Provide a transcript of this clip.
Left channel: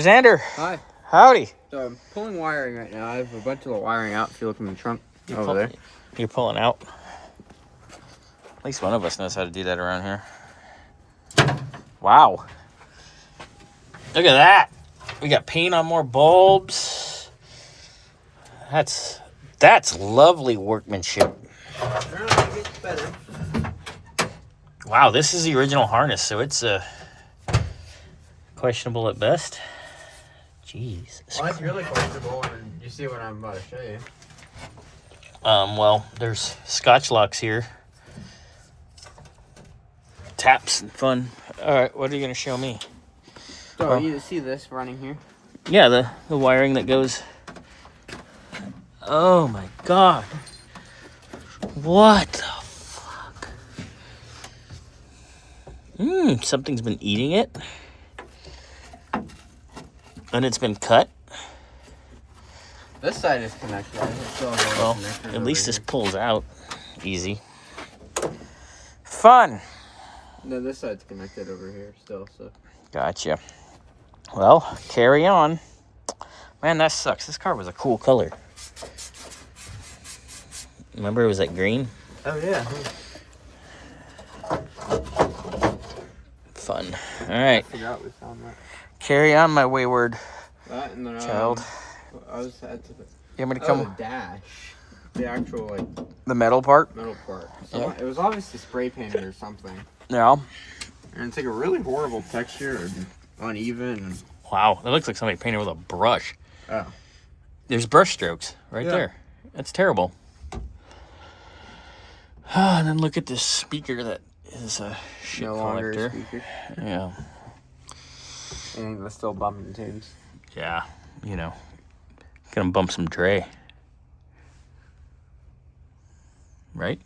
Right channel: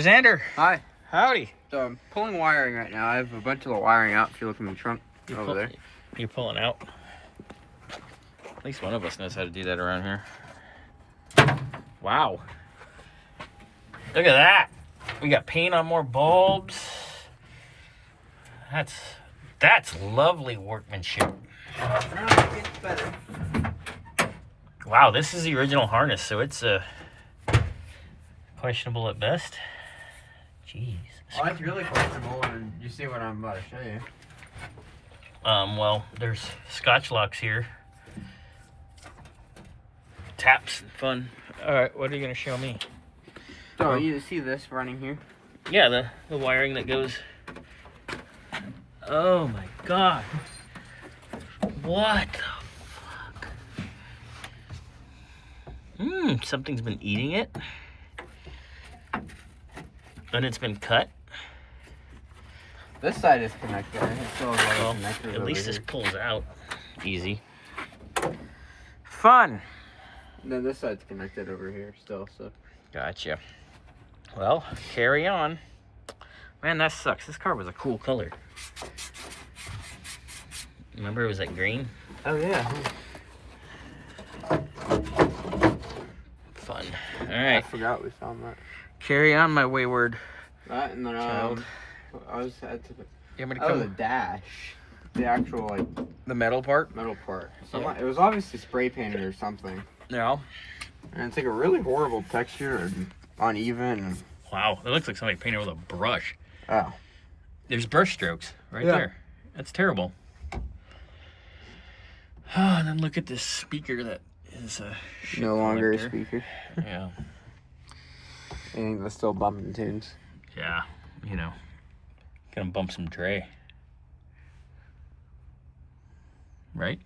Xander. Hi. Howdy. So I'm pulling wiring right now. I have a bunch of the wiring out. If you look in the trunk over there. You're pulling out. At least one of us knows how to do that around here. Wow. Look at that. We got paint on more bulbs. That's lovely workmanship. It gets better. Wow, this is the original harness, so it's questionable at best. Jeez. Well, it's really comfortable, and you see what I'm about to show you. Well, there's Scotch locks here. Taps and fun. All right, what are you gonna show me? So you see this running here? Yeah, the wiring that goes. Oh my God. What the fuck? Something's been eating it. And it's been cut. This side is connected. Well, at least this pulls out easy. Fun. No, this side's connected over here still. So. Gotcha. Well, carry on. Man, that sucks. This car was a cool color. Remember it was like green? Oh yeah. Fun. All right. I forgot we found that. Carry on, my wayward That and then child. I was had to. You want me to Oh, the come? dash. The actual like The metal part? metal part. So Yeah. It was obviously spray painted or something. Yeah. And it's like a really horrible texture and uneven. Wow, that looks like somebody painted with a brush. Oh. There's brush strokes right there. That's terrible. And then look at this speaker that is a shit No longer a collector. speaker. Yeah. And it's still bumping tunes. Yeah, you know. Gonna bump some Dre. Right?